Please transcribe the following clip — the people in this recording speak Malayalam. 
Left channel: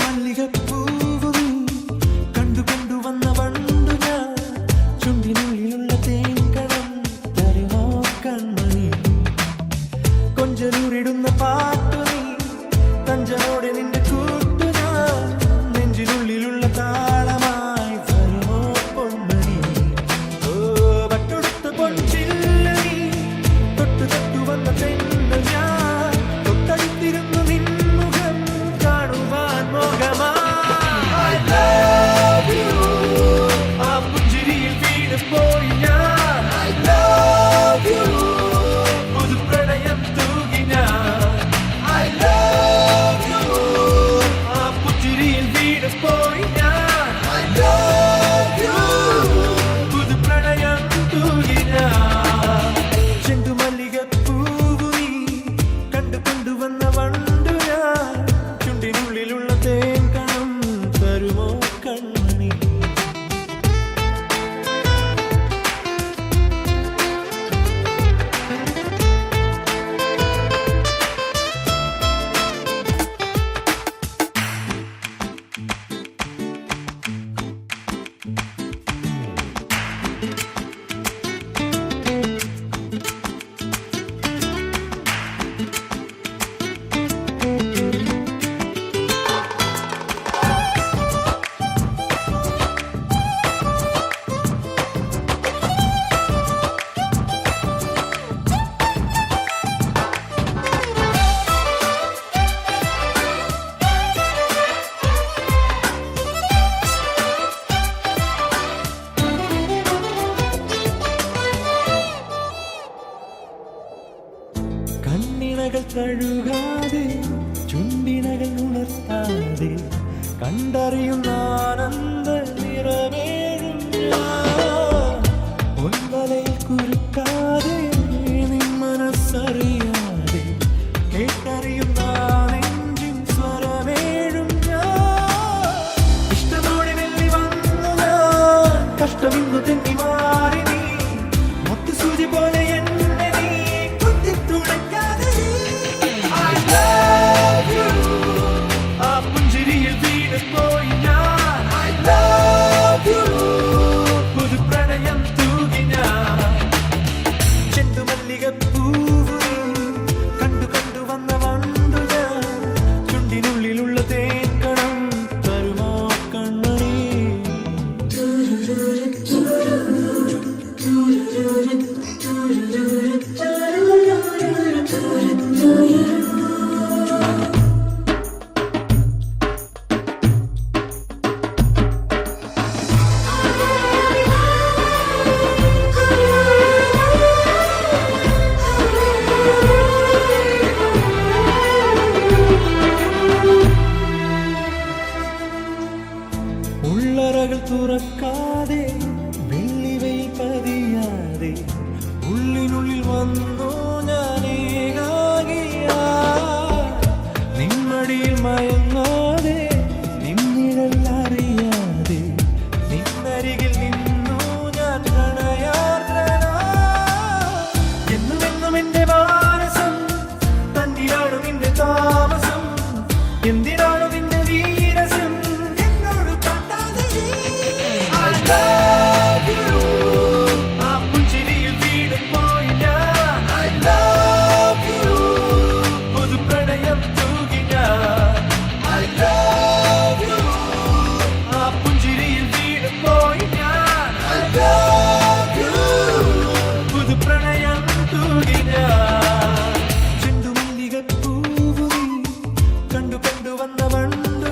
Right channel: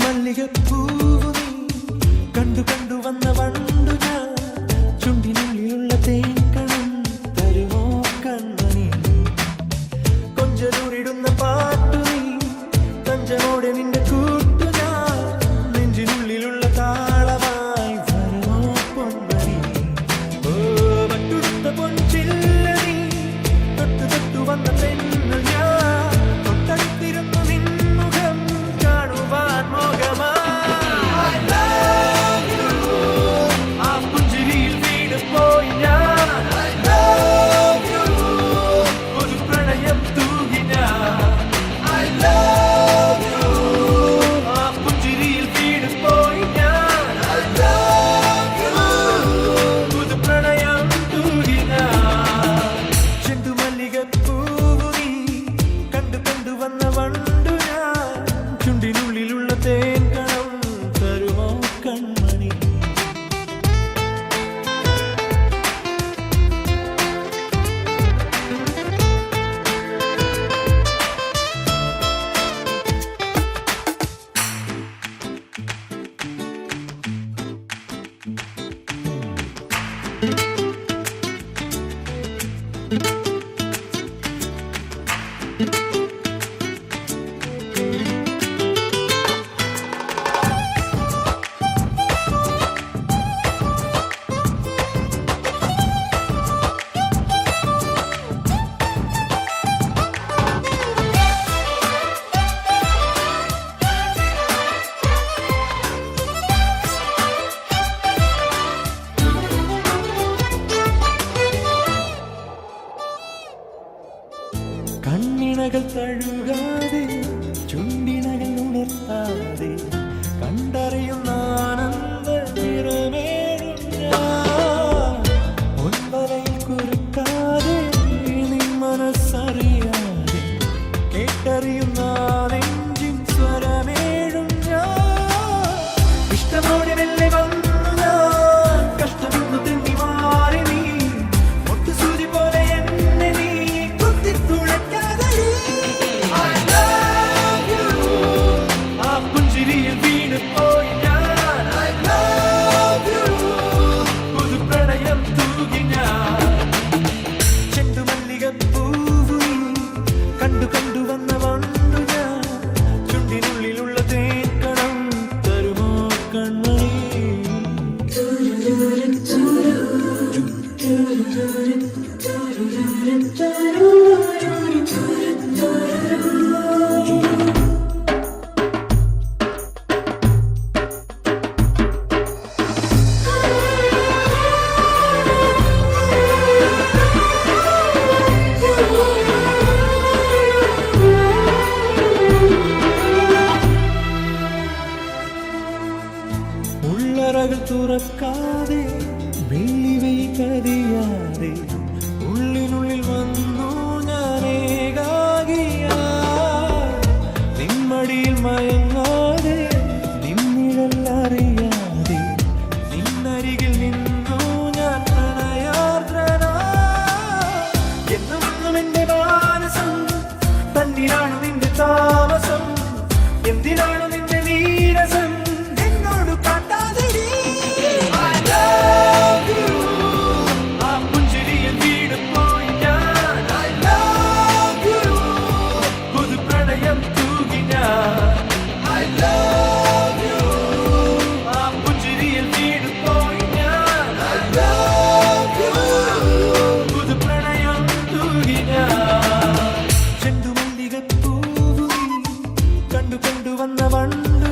ചെണ്ടുമല്ലികപ്പൂവു നീ കണ്ടു കണ്ടു വന്ന വണ്ടു ഞാൻ ചുണ്ടിനുള്ളിലുള്ള തേൻകണം തരുമോ കൺമണി കൊഞ്ചലൂരിടുന്ന പാട്ടു നീ തഞ്ചമോടെ നിന്റെ കൂട്ടു ഞാൻ നെഞ്ചിനുള്ളിലുള്ള താളമായി വരുമോ പൊന്മണി ഓ പട്ടുടുത്ത പൊൻചില്ല നീ തൊട്ടു തൊട്ടു വന്ന തെന്നൽ ഞാൻ തൊട്ടടുത്തിരുന്നു നിൻമുഖം കാണുവാൻ മോഹമാ I love you ആ പുഞ്ചിരിയിൽ വീണ് പോയി ഞാൻ I love you പുതു പ്രണയം തൂകി ഞാൻ I love you ആ പുഞ്ചിരിയിൽ വീണ് പോയി ഞാൻ I love you പുതു പ്രണയം തൂകി ഞാൻ ചെണ്ടുമല്ലികപ്പൂവു നീ കണ്ടു കൊണ്ടുവന്ന വണ്ടു ഞാൻ ചുണ്ടിനുള്ളിലുള്ള തേൻകണം തരുമോ കൺമണി കണ്ണിണകൾ തഴുകാതെ ചുണ്ടിനകൾ ഉണർത്താതെ കണ്ടറിയുന്ന ആനന്ദ നിറമേഴും ഞാൻ പൊൻവലയിൽ കുരുക്കാതെ നിൻ മനസ്സറിയാതെ കേട്ടറിയുന്ന നെഞ്ചിൻ സ്വരമേഴും ഞാൻ ഇഷ്ടമോടെ വെള്ളി വന്നു ഞാൻ കഷ്ടമിന്നു തെന്നി മാറി നീ മുട്ടുസൂചി പോലെ എന്നെ നീ പുഞ്ചിരിയിൽ വീണ് പോയി ഞാൻ I love you പുതു പ്രണയം തൂകി ഞാൻ ചെണ്ടുമല്ലികപ്പൂവു നീ കണ്ടു കണ്ടു വന്ന വണ്ടു ഞാൻ ചുണ്ടിനുള്ളിലുള്ള തേൻകണം തരുമോ കൺമണി ഉള്ളറകൾ തുറക്കാതെ വെള്ളിവയിൽ പതിയാതെ ഉള്ളിനുള്ളിൽ വന്നു ഞാൻ ഏകാകിയാ നിമ്മടിയിൽ മയങ്ങാതെ നിന്നിഴൽ അറിയാതെ നിന്നരികിൽ നിന്നു ഞാൻ പ്രണയാർദ്രനാ എന്നും എന്നും എന്റെ മാനസം തന്നിലാണ് നിന്റെ താമസം എന്തിനാണ് നിന്റെ വീരസം ചെണ്ടുമല്ലികപ്പൂവു നീ കണ്ടു കണ്ടു വന്ന വണ്ടു